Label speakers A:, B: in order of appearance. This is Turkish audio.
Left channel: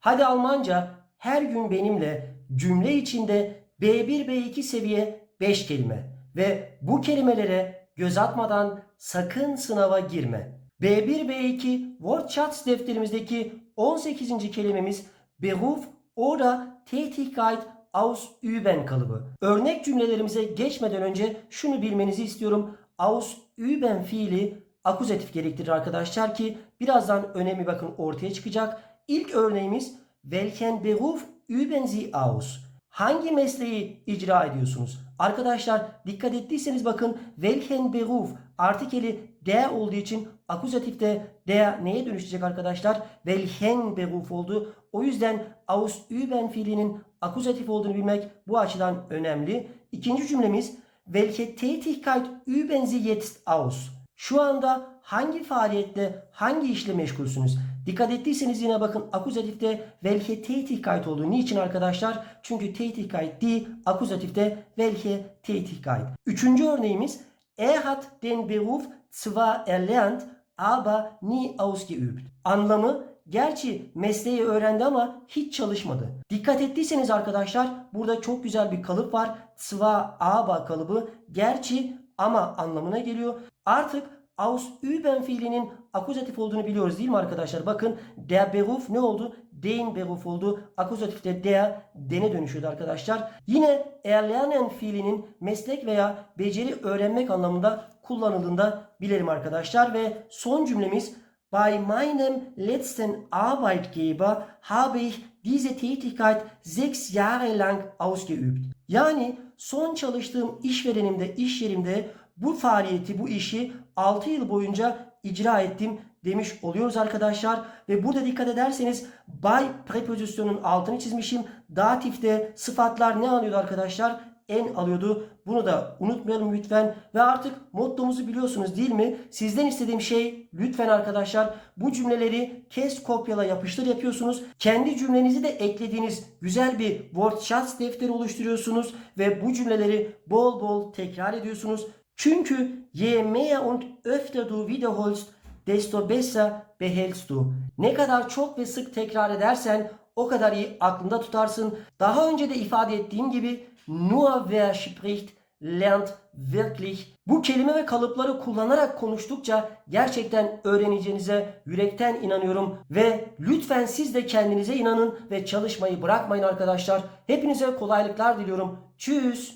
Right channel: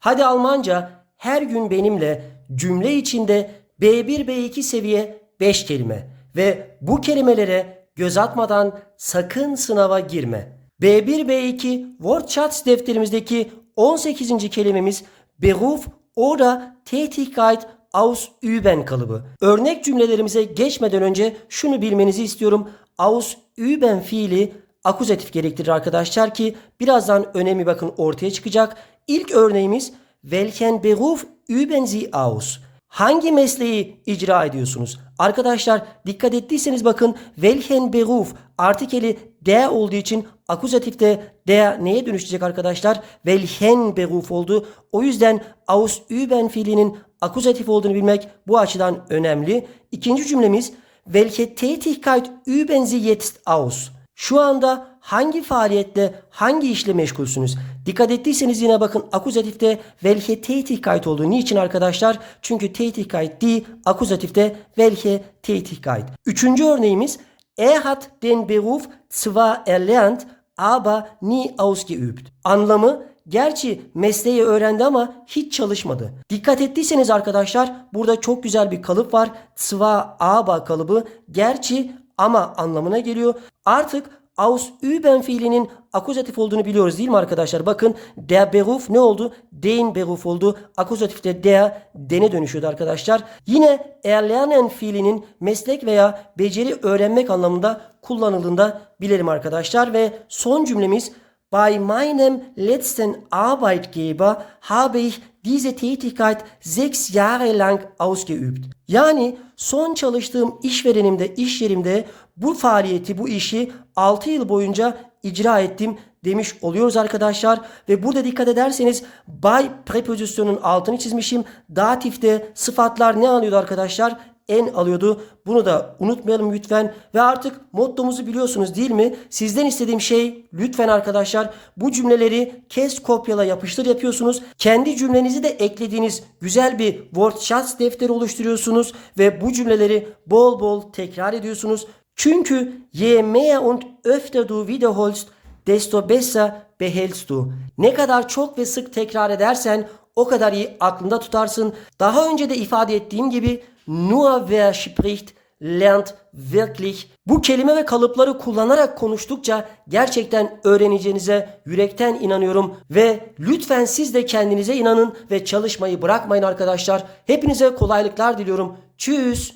A: Hadi Almanca her gün benimle cümle içinde B1 B2 seviye 5 kelime ve bu kelimelere göz atmadan sakın sınava girme. B1 B2 Wortschatz defterimizdeki 18. kelimemiz Beruf oder Tätigkeit ausüben kalıbı. Örnek cümlelerimize geçmeden önce şunu bilmenizi istiyorum. Ausüben fiili akuzatif gerektirir arkadaşlar ki birazdan önemi bakın ortaya çıkacak. İlk örneğimiz Welchen Beruf üben Sie aus? Hangi mesleği icra ediyorsunuz? Arkadaşlar dikkat ettiyseniz bakın welchen Beruf artikeli der olduğu için akuzatifte der neye dönüşecek arkadaşlar? Welchen Beruf oldu. O yüzden ausüben fiilinin akuzatif olduğunu bilmek bu açıdan önemli. İkinci cümlemiz welche Tätigkeit üben Sie jetzt aus? Şu anda hangi faaliyetle, hangi işle meşgulsünüz? Dikkat ettiyseniz yine bakın akuzatifte welche Tätigkeit olduğu. Niçin arkadaşlar? Çünkü Tätigkeit değil, akuzatifte welche Tätigkeit. Üçüncü örneğimiz Er hat den Beruf zwar erlernt, aber nie ausgeübt. Anlamı Gerçi mesleği öğrendi ama hiç çalışmadı. Dikkat ettiyseniz arkadaşlar burada çok güzel bir kalıp var. Zwar aber kalıbı gerçi ama anlamına geliyor. Artık ausüben fiilinin akuzatif olduğunu biliyoruz değil mi arkadaşlar? Bakın der Beruf ne oldu? Den Beruf oldu. Akuzatifte der dene dönüşüyordu arkadaşlar. Yine erlernen fiilinin meslek veya beceri öğrenmek anlamında kullanıldığında bilelim arkadaşlar. Ve son cümlemiz Bei meinem letzten Arbeitgeber habe ich diese Tätigkeit sechs Jahre lang ausgeübt. Yani son çalıştığım işverenimde, iş yerimde bu faaliyeti, bu işi 6 yıl boyunca icra ettim demiş oluyoruz arkadaşlar. Ve burada dikkat ederseniz by prepozisyonun altını çizmişim. Datifte sıfatlar ne alıyordu arkadaşlar? En alıyordu. Bunu da unutmayalım lütfen. Ve artık mottomuzu biliyorsunuz değil mi? Sizden istediğim şey lütfen arkadaşlar bu cümleleri kes kopyala yapıştır yapıyorsunuz. Kendi cümlenizi de eklediğiniz güzel bir Wortschatz defteri oluşturuyorsunuz ve bu cümleleri bol bol tekrar ediyorsunuz. Çünkü je mehr und öfter du wiederholst desto besser behältst du. Ne kadar çok ve sık tekrar edersen o kadar iyi aklında tutarsın. Daha önce de ifade ettiğim gibi nur wer spricht lernt wirklich. Bu kelime ve kalıpları kullanarak konuştukça gerçekten öğreneceğinize yürekten inanıyorum ve lütfen siz de kendinize inanın ve çalışmayı bırakmayın arkadaşlar. Hepinize kolaylıklar diliyorum. Tschüss.